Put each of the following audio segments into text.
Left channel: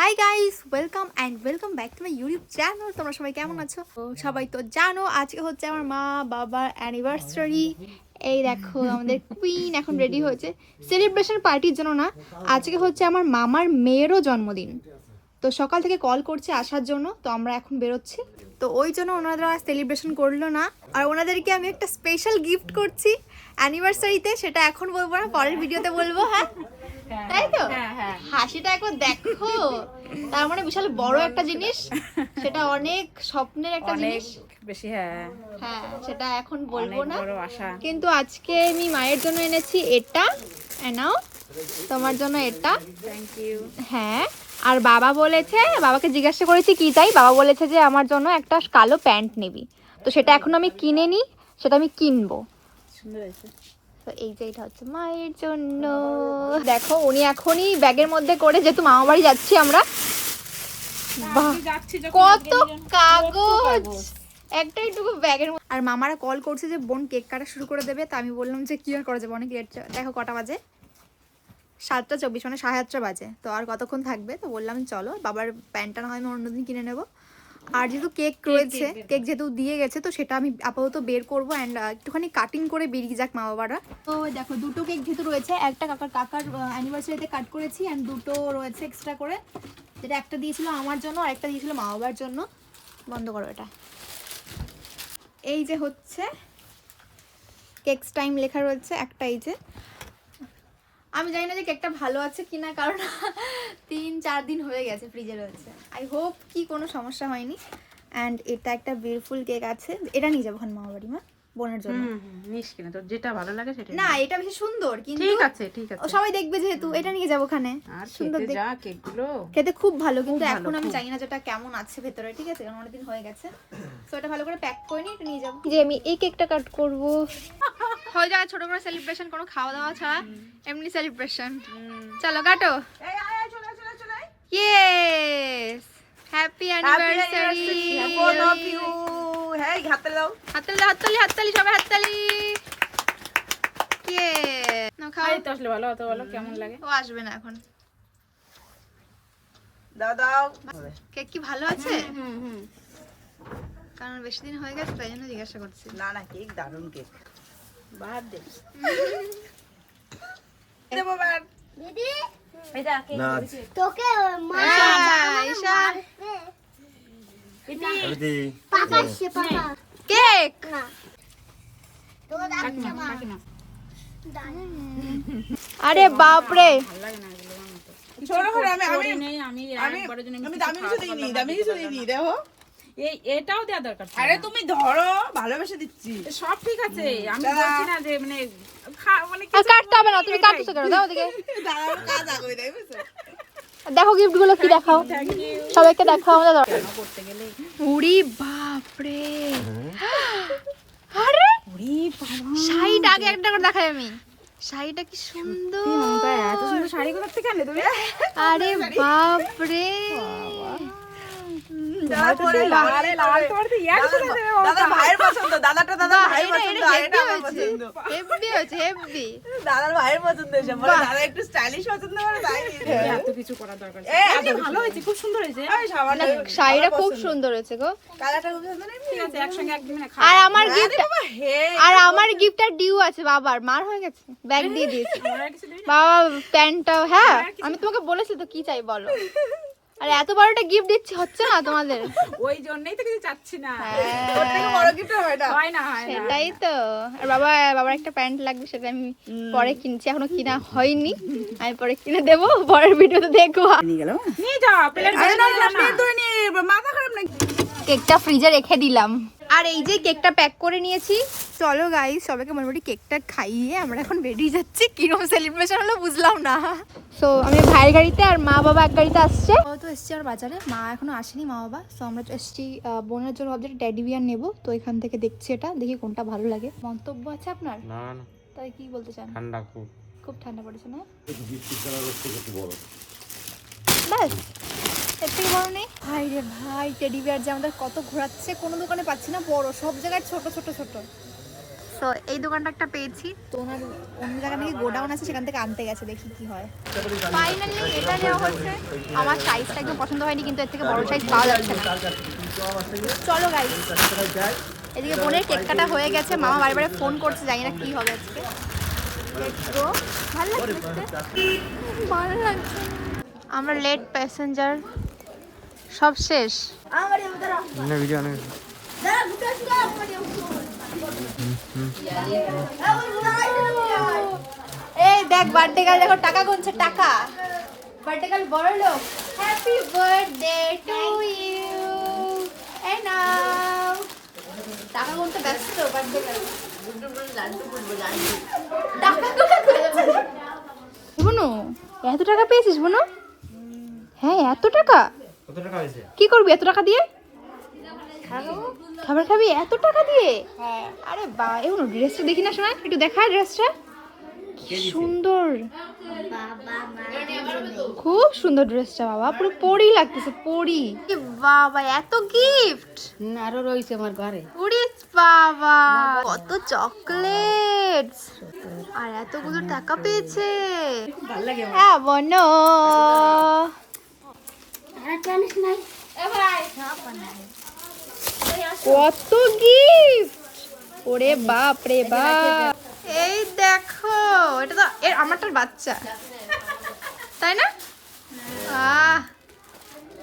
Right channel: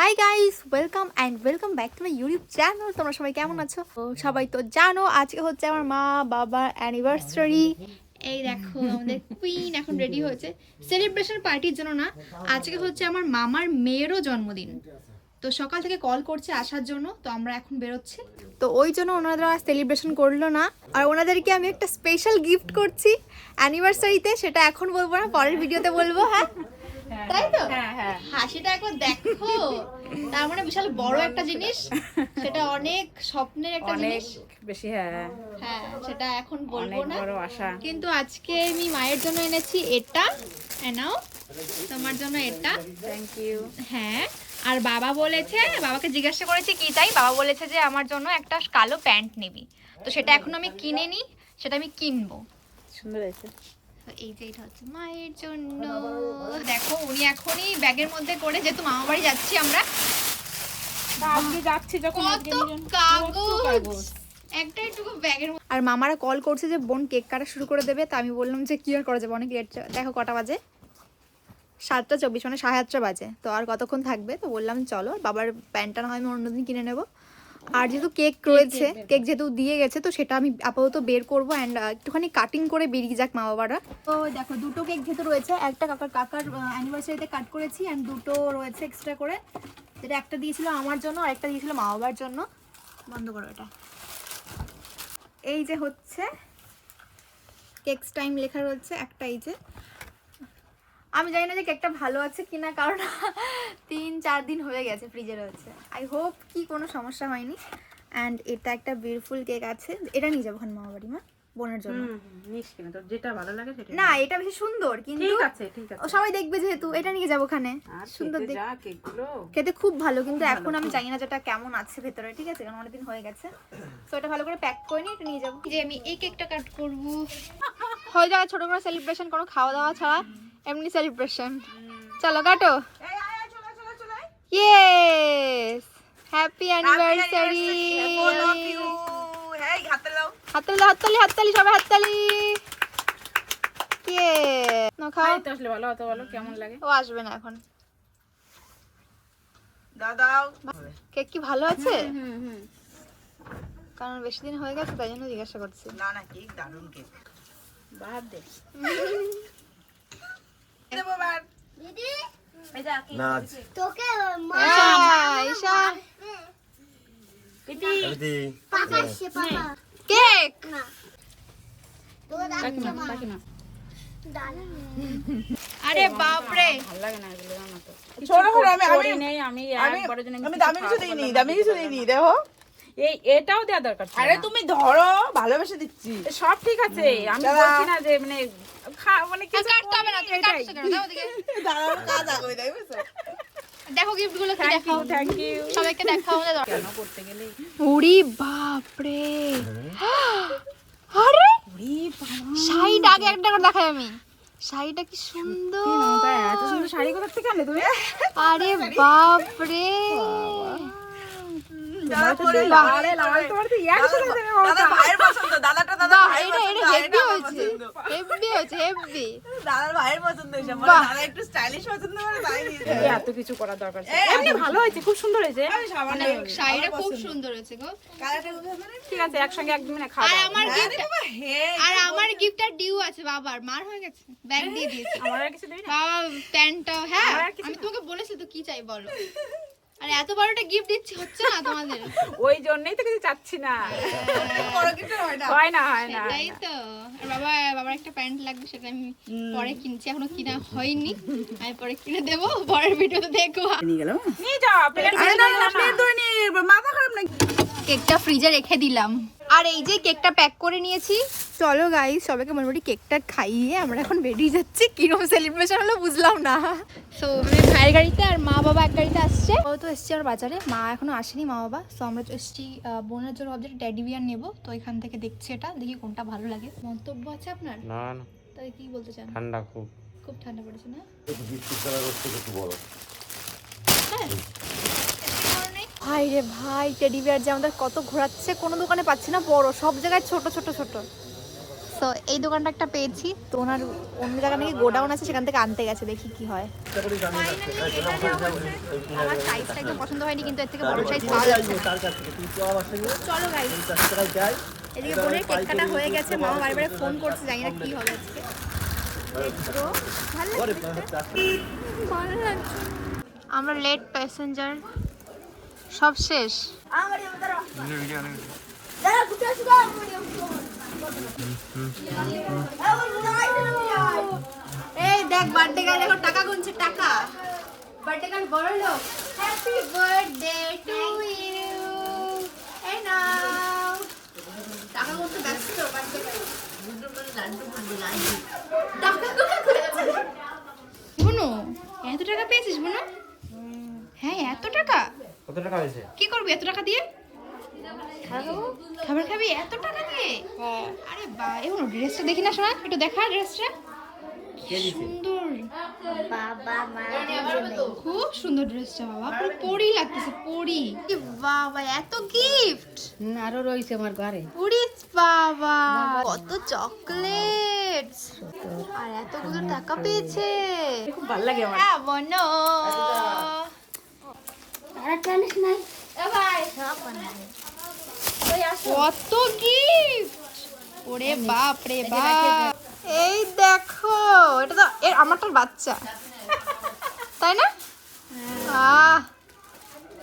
Hi guys, welcome back to my YouTube channel. তোমরা সবাই কেমন আছো? তো সবাই তো জানো আজকে হচ্ছে আমার মা বাবার অ্যানিভার্সারি। এই দেখো আমাদের কুইন এখন রেডি হয়েছে সেলিব্রেশন পার্টির জন্য না, আজকে হচ্ছে আমার মামার মেয়েরও জন্মদিন। তো সকাল থেকে কল করছে আসার জন্য, তো আমরা এখন বেরোচ্ছি। তো ওই জন্য ওনারা সেলিব্রেশন করলো না, আর ওনাদেরকে আমি একটা স্পেশাল গিফট করছি অ্যানিভার্সারিতে, সেটা এখন বলবো না, পরের ভিডিওতে বলবো। হ্যাঁ তাই তো, হাসিটা একবার দেখো। তার মানে বিশাল বড় একটা জিনিস, সেটা অনেক স্বপ্নের একটা জিনিস বেশি। হ্যাঁ হ্যাঁ, সেটা এখন বলবো না, বড় আশা। কিন্তু আজকে আমি মায়ের জন্য এনেছি এটা, নাও তোমার জন্য এটা। Thank you. হ্যাঁ, আর বাবা বলেছে, বাবাকে জিজ্ঞাসা করেছি কি চাই, বাবা বলেছে যে আমার জন্য একটা কালো প্যান্ট নিবি। তো সেটা এখন আমি কিনে নি, সেটা আমি কিনবো। সুন্দর হয়েছে। তো এই যে এটা হচ্ছে মায়ের জন্য। দেখো উনি এখনই ব্যাগের মধ্যে করে, যেহেতু মামা বাড়ি যাচ্ছি আমরা, কত কাগজ একটা একটু ব্যাগের মধ্যে। আর মামারা কল করছে যে বোন কেক কাটা শুরু করে দেবে, তা আমি বললাম যে কি আর করা যাবে, অনেক লেট। দেখো কটা বাজে, 7:24, মানে 7:30 বাজে। তো আর কতক্ষণ থাকবে, তো বললাম চলো, বাবার প্যান্টটা না হয় আমি অন্যদিন কিনে নেবো। আর যেহেতু কেক রয়েছে, কেক যেহেতু দিয়ে গেছে, তো সেটা আমি আপাতত বের করবো অ্যান্ড একটুখানি কাটিং করে বেরিয়ে যাক মা বাবারা। তো দেখো দুটো কেক যেহেতু রয়েছে, একটা কাকার অ্যানিভার্সারিতে কাট করেছি অ্যান্ড দুটো রয়েছে এক্সট্রা করে, যেটা একটা দিয়েছিল আমার জন্য আর একটা দিয়েছিল মা বাবার জন্য। বন্ধ করো এটা। এই যে হচ্ছে কেকস টাইম লেখা রয়েছে একটা, এই যে। আমি জানি না যে কেকটা ভালো আছে কিনা, কারণ 3-4 দিন হয়ে গেছে ফ্রিজে রয়েছে। আই হোপ কি কোনো সমস্যা হয়নি। অ্যান্ড এটা একটা বিউটিফুল কেক আছে, এটা নিয়ে যাবো ওখানে মামা বাড়ি, মা বোনের জন্য। নিস কিনা, তোর যেটা ভালো লাগে সেটা। না এটা বেশি সুন্দর, কিন্তু ঠিক আছে সবাই দেখবে যেহেতু, এটা নিয়ে যাবো ওখানে। আর সুন্দর খেতে যা কেকগুলো, খেতে খুব ভালো, কিন্তু এখন আমি জানি না যেটা কেমন আছে ভেতরে, ঠিক আছে, কারণ অনেকদিন হয়ে গেছে। তো এটা ভালো করে প্যাক করে নিয়ে এটা নিয়ে যাবো। যে আমি এই কেকটা কাট করবো, হয়ে যাবে ছোট করে সেলিব্রেশন, কোনো খাওয়া দাওয়া ছাড়া, এমনি সেলিব্রেশন। চলো কাটো। Yes, happy anniversary. হাততালি সবাই, হাততালি। কে না খাও তো আসলে ভালো হতো, বলো কেমন লাগে। ও আসবে না এখন। কেক কি ভালো আছে? কারণ বেশি দিন হয়ে গেছে, তাই জন্য জিজ্ঞাসা করছি। না কেক দারুন কেক। বাদ দে। তোকে ঈশা কেক আরে বাপরে, ভালো লাগে না এগুলো, জানো তো। ছোট করে করি নেই, আমি একবারের জন্য আমি দামি কিছু দিইনি, দামি কিছু দিইনি, দেখো। এটাও দেওয়া দরকার ছিল আরে না। তুমি ধরো, ভালোবেসে দিচ্ছি। সব ঠিক আছে, আমি দাদা। বলছি না যে মানে মানে কিছু কাটতে হবে না, তুমি কাটছো কেন? দাও ওদিকে, দাঁড়ানো কাজ আগে তাই বুঝছো? দেখো গিফট গুলো কি, দেখাও থ্যাংক ইউ। সবাইকে, দেখাও আমাদের দরকার। কেন করতে গেলে উড়ি বাপরে, আরে ওরে বাবা, শাড়িটা আগে একটা করে দেখাই আমি, শাড়িটা কি সুন্দর। এত সুন্দর শাড়ি কোথা থেকে আনলে তুমি? আরে বাপরে, তারপরে আরে লাল তোমার তো একসাথে দেবে বাবা। দাদা ভাইয়ের পছন্দ, দাদাটা দাদা বাহ, ভাইয়ের এটা পছন্দ, হেভি এটা আমার হয়েছে, পছন্দ। হেভি হয়েছে, হেভি। দাদার ভাইয়ের পছন্দ এসব, বাহ। দাদা একটু স্টাইলিশ পছন্দ করে তাই দিয়েছে। এত কিছু করার দরকার ছিল। এমনি ভালো হয়েছে, খুব সুন্দর হয়েছে। এই সামান্য শাড়িটা খুব সুন্দর হয়েছে গো। কালারটা খুব সুন্দর। ঠিক আছে, একসঙ্গে একদম মানে আর খাওয়া। আমার গিফট, বাবা হে, আর আমার গিফটটা ডিউ আছে বাবার, মার হয়ে গেছে, ব্যাগ দিয়ে দিয়েছি। আমার আর কিছু দিবি না? বাবা প্যান্টটাও, হ্যাঁ আমি তোমাকে বলেছি তো কি চাই বলো। আরে এত বড়টা গিফট দিচ্ছি, হচ্ছে না তোমাদের? ওই জন্যই তো কিছু চাচ্ছি না। তোর থেকে বড় গিফট হয় না। হয় না। সেটাই তো। আর বাবার একটা প্যান্ট লাগবে, সেটা আমি পরে কিনছি, এখনো কিনা হয়নি, আমি পরে কিনে দেবো, পরের ভিডিওতে দেখবো। নিয়ে গেল। নিয়ে যাও, প্লেট আরে না না প্লেট ধরে নিয়ে মাথা খারাপ নাকি? কেকটা ফ্রিজে রেখে দিলাম, আর এই যে কেকটা প্যাক করে নিয়েছি। চলো গাইস, সবাইকে মোটামুটি কেকটা খাইয়ে আমরা এখন বেরিয়ে যাচ্ছি। কিরকম সেলিব্রেশন হলো বুঝলাম না। সো আমি ভাইয়ের গাড়িতে আর মা বাবা এক গাড়িতে আসছে। ও তো এসছি আর বাজারে, মা এখনো আসেনি, মা বাবা। সো আমরা এসছি বোনের জন্য ভাবছি টেডি বিয়ার নেবো, তো এখান থেকে দেখছি এটা, দেখি কোনটা ভালো লাগে। মন্তব্য আছে আপনার? না না, তাই কি বলতে চান? ঠান্ডা খুব। খুব ঠান্ডা পড়েছে না? ভাই রে ভাই, টেডি বিয়ার যে আমাদের কত ঘোরাচ্ছে, কোনো দোকানে পাচ্ছি না বড়, সব জায়গায় ছোট ছোট ছোট। তো এই দোকানটা একটা পেয়েছি, তো ওনার অন্য জায়গা নাকি গোডাউন আছে, সেখান থেকে আনতে গেছে, দেখি কি হয়। ফাইনালি এটা নেওয়া হচ্ছে। আমার সাইজটা একদম পছন্দ হয়নি, কিন্তু এর থেকে বড় সাইজ পাওয়া যাচ্ছে না। চলো গাইস, এদিকে বোনের কেক কাটা হয়ে গেছে, মামা বারে বারে ফোন করছে, জানি না কি হবে আজকে। Let's go. ভালো লাগছে দেখতে, ভালো লাগছে। আমরা লেট প্যাসেঞ্জার, সব শেষ। এই দেখ বার্থডে গার্ল, দেখো টাকা গুনছে, টাকা। বার্থডে গার্ল বড় লোক। Happy birthday to you. এই নাও টাকা গুনতে ব্যস্ত বার্থডে গার্ল। বুনু এত টাকা পেয়েছিস বুনু? হ্যাঁ এত টাকা? কত টাকা হয়েছে? কি করবি এত টাকা দিয়ে? খাবার খাবি এত টাকা দিয়ে? আরে বা, এখন ড্রেসটা দেখি না শোনা, একটু দেখা ড্রেসটা, কি সুন্দর, খুব সুন্দর ড্রেসটা বাবা, পুরো পরি লাগতেছে, পরি। বাবা এত গিফট আরো রয়েছে আমার ঘরে। উড়িস বাবা, কত চকলেটস, আর এতগুলো টাকা পেয়েছে, খুব ভালো লাগে আমার। হ্যাঁ বোনো। কত গিফট, ওরে বাপ রে বাপ। এই দেখো, এটা তো আমারটার বাচ্চা, তাই না?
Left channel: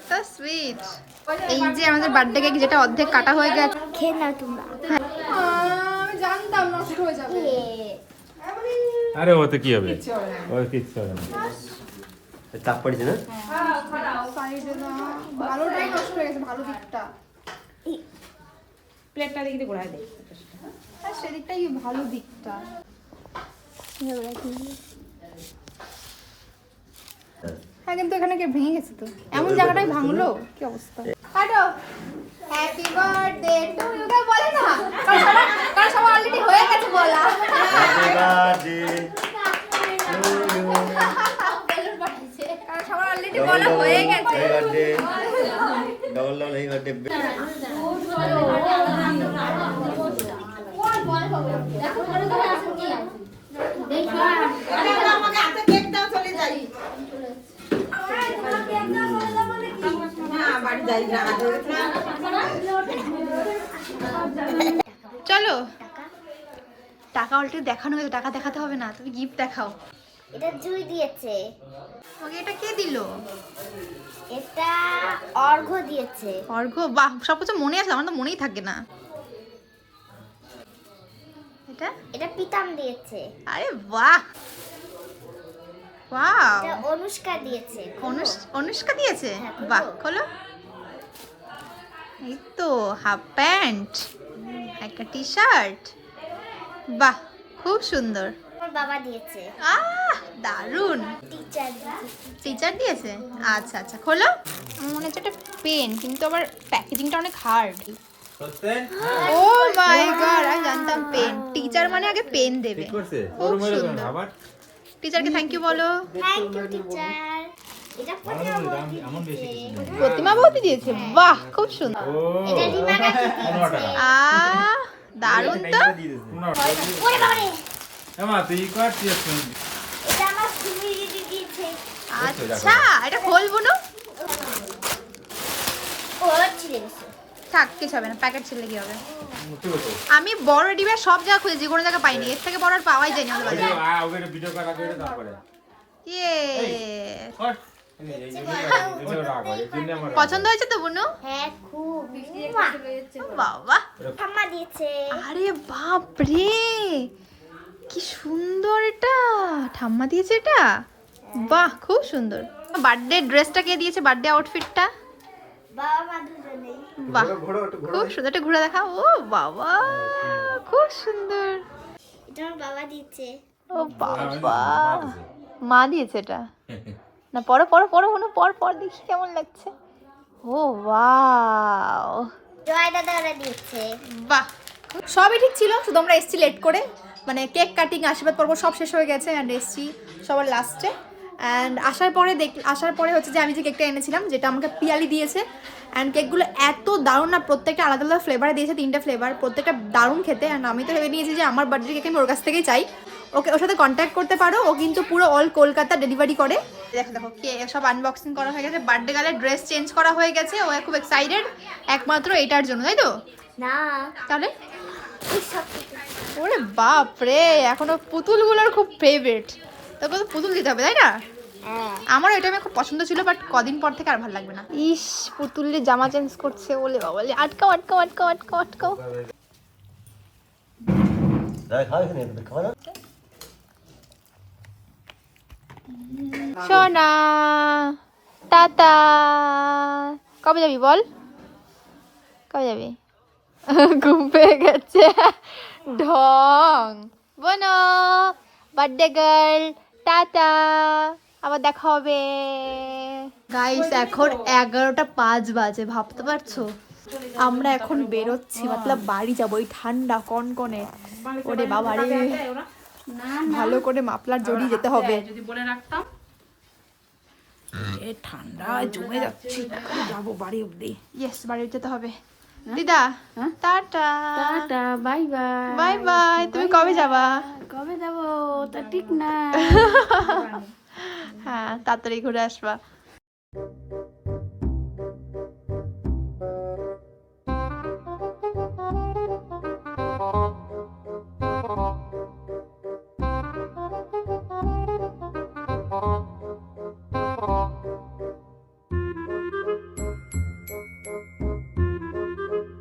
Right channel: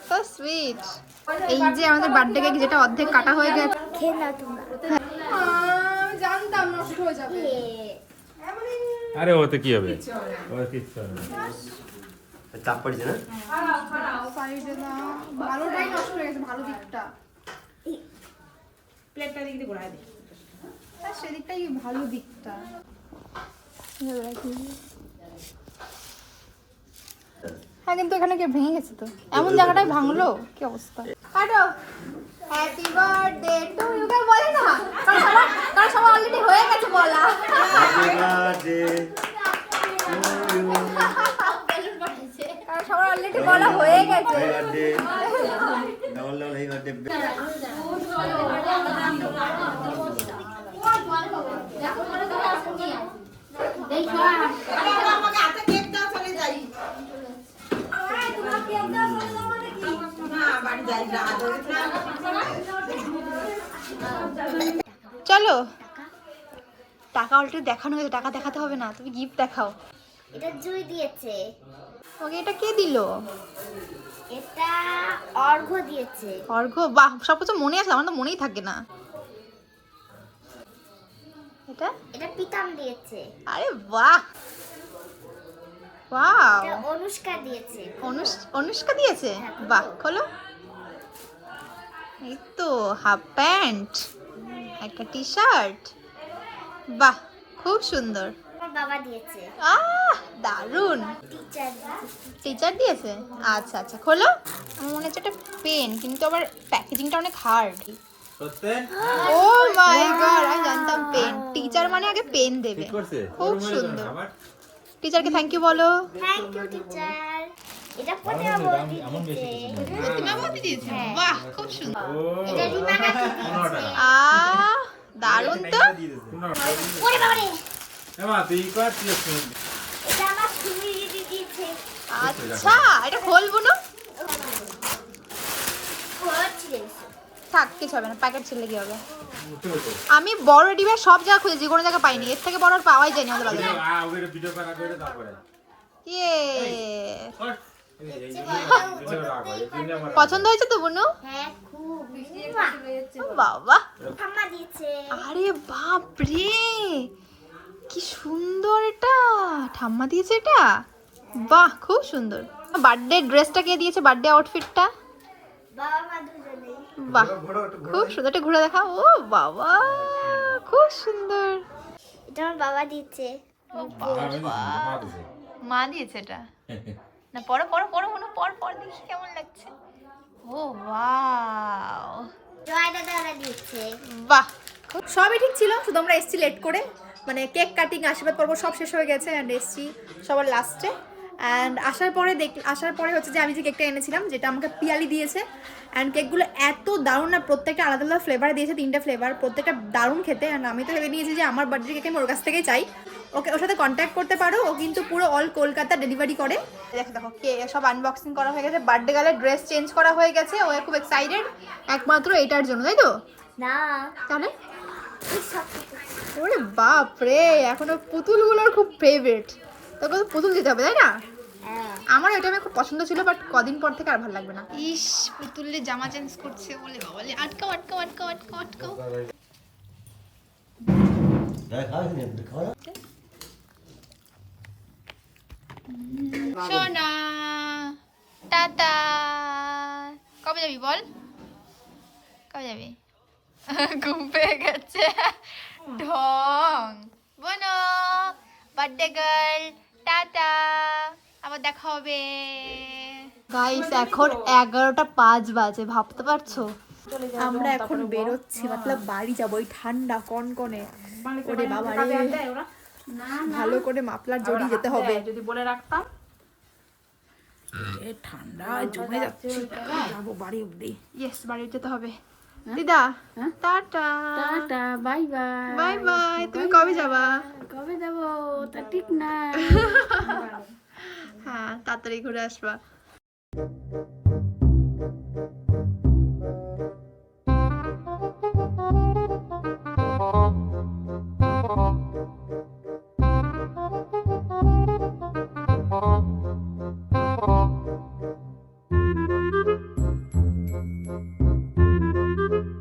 So sweet. এই যে আমাদের বার্থডে কেক, যেটা অর্ধেক কাটা হয়ে গেছে। খেয়ে নাও তোমরা। আমি জানতাম নষ্ট হয়ে যাবে। আরে ওতে কি হবে? ওর কিচ্ছু হবে না। চাপ পড়ছে না? সাইডে না, ভালোটাই নষ্ট হয়ে গেছে, ভালো দিকটা। প্লেটটা দিকে ঘোরায় দে। আর সেদিকটাই ভালো দিকটা। হ্যাঁ কিন্তু এখানে কে ভেঙে গেছে তো, এমন জায়গাটাই ভাঙলো, কি অবস্থা। কাটো। Happy birthday to you. কে বলে না, কারণ সবার অলরেডি হয়ে গেছে বলা। Happy birthday to you. কারণ সবার অলরেডি বলা হয়ে গেছে। Happy birthday double double happy birthday. আমাকে হাতে কেক দাও, চলে যাই। বাড়ি যাই না। চলো, টাকা অলরেডি দেখানো হয়েছে, টাকা দেখাতে হবে না, তুমি গিফট দেখাও। এটা জুই দিয়েছে, ওকে এটা কে দিল? এটা অর্ঘ্য দিয়েছে। অর্ঘ্য, বাহ, সব কিছু মনে আছে, আমার তো মনেই থাকে না। এটা এটা পিতাম দিয়েছে। আরে বাহ, ওয়াও, এটা অনুষ্কা দিয়েছে। অনুষ্কা দিয়েছে, বাহ। খোলো, এই তো হাফ প্যান্ট, একটা টি শার্ট, বাহ খুব সুন্দর। আমার বাবা দিয়েছে। দারুন। টিচার দিয়েছে। টিচার দিয়েছে, আচ্ছা আচ্ছা। খোলো, আমার মনে হচ্ছে একটা পেন, কিন্তু আবার প্যাকেজিংটা অনেক হার্ড। ও মাই গড, আমি জানতাম পেন। টিচার মানে আগে পেন দেবে, খুব সুন্দর। টিচারকে থ্যাংক ইউ বলো। Thank you teacher. এটা প্রতিমা বৌদি দিয়েছে। প্রতিমা বৌদি দিয়েছে, বাহ খুব সুন্দর। এটা রিমা কাকি দিয়েছে। দারুন তো। ওরে বাবা রে, এমা তুই কাট দিস। এটা আমার সুমি দিদি দিয়েছে। আচ্ছা, এটা খোলবো না, ও ছিলে গেছে। থাক কিছু হবে না, প্যাকেট ছিল কি হবে। আমি বড় ডিবে সব জায়গা খুঁজেছি, কোনো জায়গা পাইনি, এর থেকে বড় আর পাওয়াই যায়নি আমাদের বাজারে। ওকে ভিডিও করা করে তারপরে ইয়ে, পছন্দ হয়েছে তো বুনু? হ্যাঁ খুব। বাবা, ঠাম্মা দিয়েছে। আরে বাপ রে, কি সুন্দর এটা, ঠাম্মা দিয়েছে এটা, বাহ খুব সুন্দর। বার্থডে ড্রেসটা কে দিয়েছে, বার্থডে আউটফিটটা? বাবা মা দুজনেই। বাহ খুব সুন্দর, এটা ঘুরে দেখা। ও বাবা খুব সুন্দর। এটা আমার বাবা দিয়েছে। ও বাবা, মা দিয়েছে এটা? না পড়ো পড়ো পড়ো, কোনো পর পর দেখি কেমন লাগছে। ও ওয়াও, জয় দাদা ওরা দিয়েছে। বাহ, সবই ঠিক ছিল, শুধু আমরা এসছি লেট করে, মানে কেক কাটিং, আশীর্বাদ পর্ব সব শেষ হয়ে গেছে, অ্যান্ড এসছি সবার লাস্টে। অ্যান্ড আসার পরে হচ্ছে যে আমি যে কেকটা এনেছিলাম, যেটা আমাকে পিয়ালি দিয়েছে, অ্যান্ড কেকগুলো এত দারুণ না, প্রত্যেকটা আলাদা আলাদা ফ্লেভারে দিয়েছে, 3টে ফ্লেভার, প্রত্যেকটা দারুণ খেতে। অ্যান্ড আমি তো ভেবে নিয়েছি যে আমার বার্থডে কেক আমি ওর কাছ থেকেই চাই। ওর সাথে কন্ট্যাক্ট করতে পারো, ও কিন্তু পুরো অল কলকাতা ডেলিভারি করে। দেখো কে সব আনবক্সিং করা হয়ে গেছে, বার্থডে গালের ড্রেস চেঞ্জ করা হয়ে গেছে, ও খুব এক্সাইটেড একমাত্র এটার জন্য, তাই তো? না তাহলে এই সব কিছু। ওরে বাপ রে, এখনো পুতুলগুলোর খুব ফেভারিট, তোকে তো পুতুল দিতে হবে তাই না? হ্যাঁ আমার এটা আমার খুব পছন্দ ছিল, বাট কদিন পর থেকে আর ভালো লাগবে না। ইস, পুতুলের জামা চেঞ্জ করছে, বলে বাবা, বলে আটকাও আটকাও আটকাও আটকাও আটকাও। সোনা টাটা, কবে যাবি বল, কবে যাবি? ঘুম পেয়ে গেছে ঢং। বোনো, বার্থডে গার্ল, টাটা, আবার দেখা হবে। গাইস এখন 11:05 বাজে, ভাবতে পারছো? আমরা এখন বেরোচ্ছি, মতলব বাড়ি যাবো, ওই ঠান্ডা কনকনে। ওরে বাবা রে, ভালো করে মাফলার জড়িয়ে যেতে হবে। যদি বলে রাখতাম। এ ঠান্ডা জমে যাচ্ছি, যাবো বাড়ি অবধি। ইয়েস, বাড়ি যেতে হবে। দিদা tata, tata, bye bye. Bye bye. তুমি কবে যাবা? কবে যাবো তা ঠিক না। হ্যাঁ, তাড়াতাড়ি ঘুরে আসবা।